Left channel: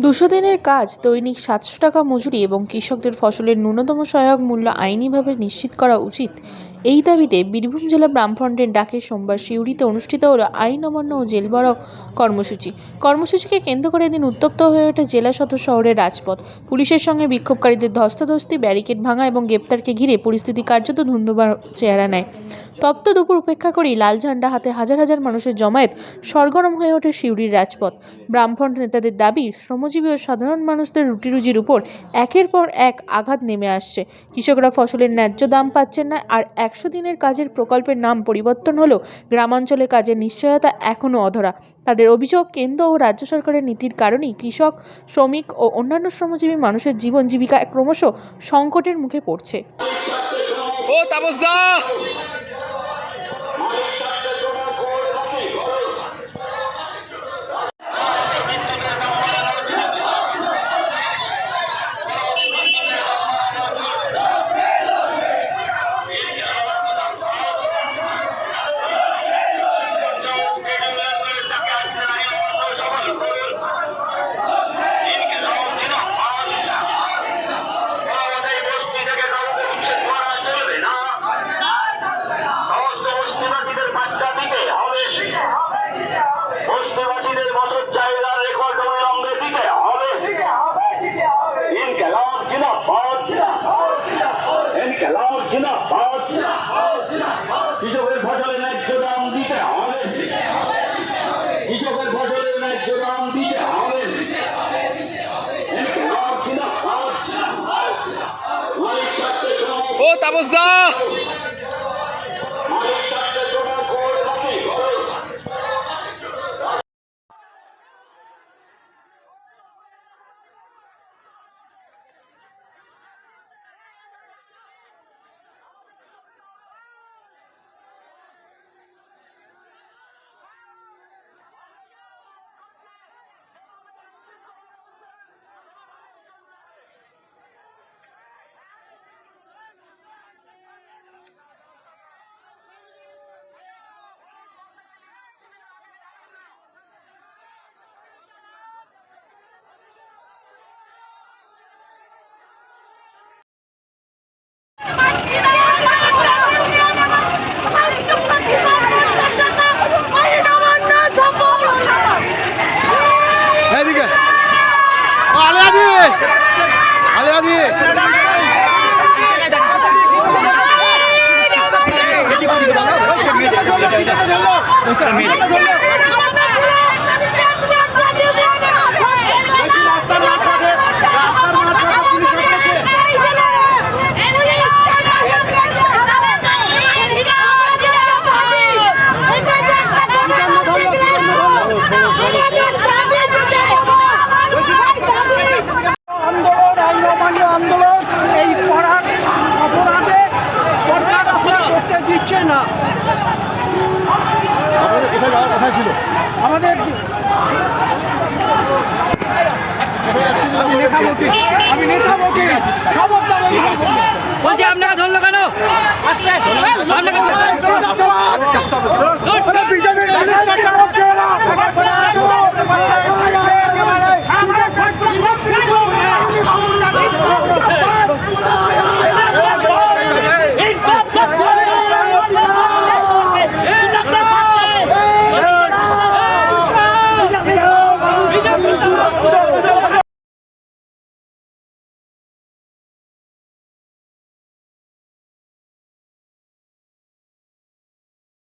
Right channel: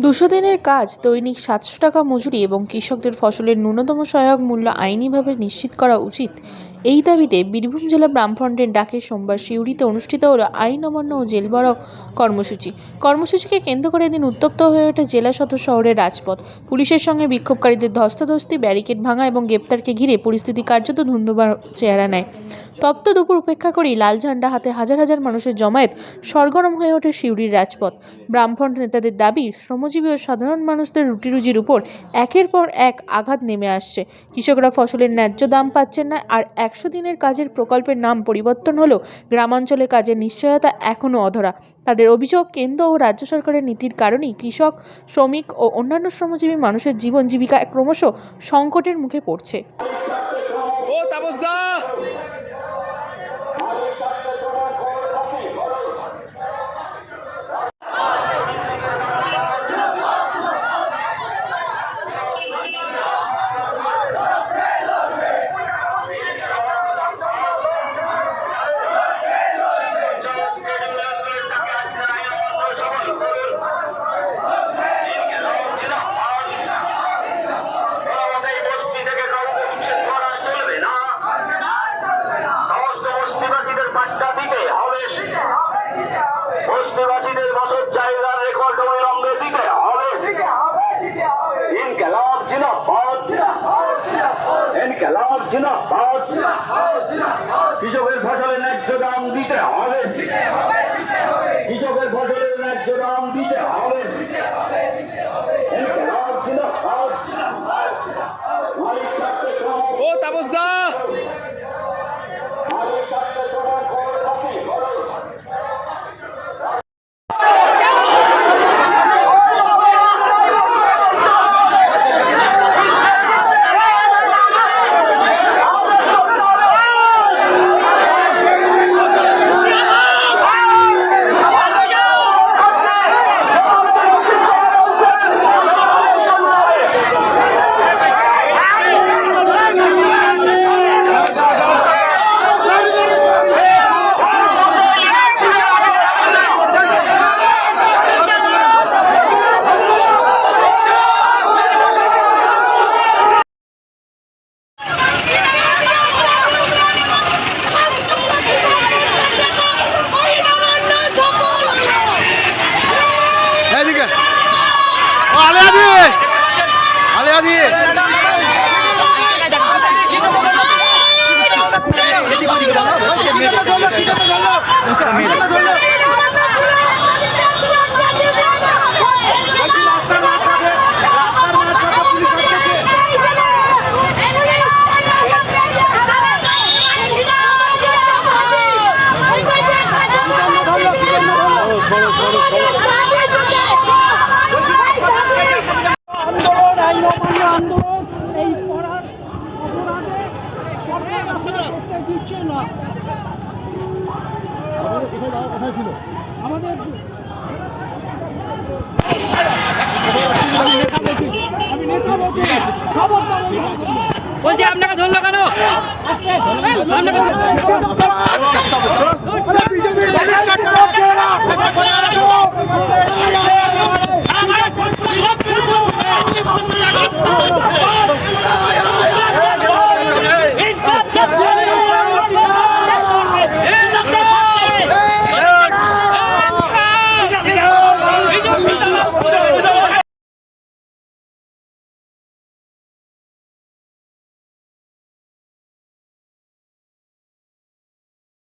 200 দিনের কাজ, দৈনিক 700 টাকা মজুরি এবং কৃষকদের ফসলের ন্যূনতম সহায়ক মূল্য আইনিভাবে নিশ্চিত করা উচিত। এই দাবিতে বীরভূম জেলা বামফ্রন্টের ডাকে সোমবার সিউড়িতে অনুষ্ঠিত হলো আইন অমান্য ও জেল ভরাও কর্মসূচি। কর্মসূচিকে কেন্দ্র করে এদিন উত্তপ্ত হয়ে ওঠে জেলা সদর শহরের রাজপথ। পুলিশের সঙ্গে বিক্ষোভকারীদের ধস্তাধস্তি, ব্যারিকেড ভাঙা এবং গ্রেপ্তারকে ঘিরে পরিস্থিতি কার্যত ধুন্ধুমার চেহারা নেয়। তপ্ত দুপুর উপেক্ষা করেই লাল ঝান্ডা হাতে হাজার হাজার মানুষের জমায়েত সরগরম হয়ে ওঠে সিউড়ির রাজপথ। বামফ্রন্ট নেতাদের দাবি, শ্রমজীবী ও সাধারণ মানুষদের রুটিরুজির উপর একের পর এক আঘাত নেমে আসছে। কৃষকরা ফসলের ন্যায্য দাম পাচ্ছেন না, আর 100 দিনের কাজের প্রকল্পের নাম পরিবর্তন হলেও গ্রামাঞ্চলে কাজের নিশ্চয়তা এখনও অধরা। তাদের অভিযোগ, কেন্দ্র ও রাজ্য সরকারের নীতির কারণেই কৃষক, শ্রমিক ও অন্যান্য শ্রমজীবী মানুষের জীবন জীবিকা ক্রমশ সংকটের মুখে পড়ছে। বস্তিবাসীদের বছর চাহিদার রেকর্ড অবিলম্বে দিতে হবে। ইনকিলাব জিন্দাবাদ, ইনকিলাব জিন্দাবাদ। কৃষকের ফসলের ন্যায্য দাম দিতে হবে, কৃষকের ফসলের ন্যায্য দাম দিতে হবে। ইনকিলাব জিন্দাবাদ। ও তাপসদা, এদিকে আলিয়া দিয়ে আলিয়া দিয়ে আন্দোলন, আইন অমান্য আন্দোলন, এই পড়ার অপরাধে সরকার আসলে করতে দিচ্ছে না। আপনাদের কোথায় যাওয়ার কথা ছিল? আমাদের আমি নেতা বলছি, খবরদার বলছি, আপনাকে ধরলো কেন? আসতে বিজেপি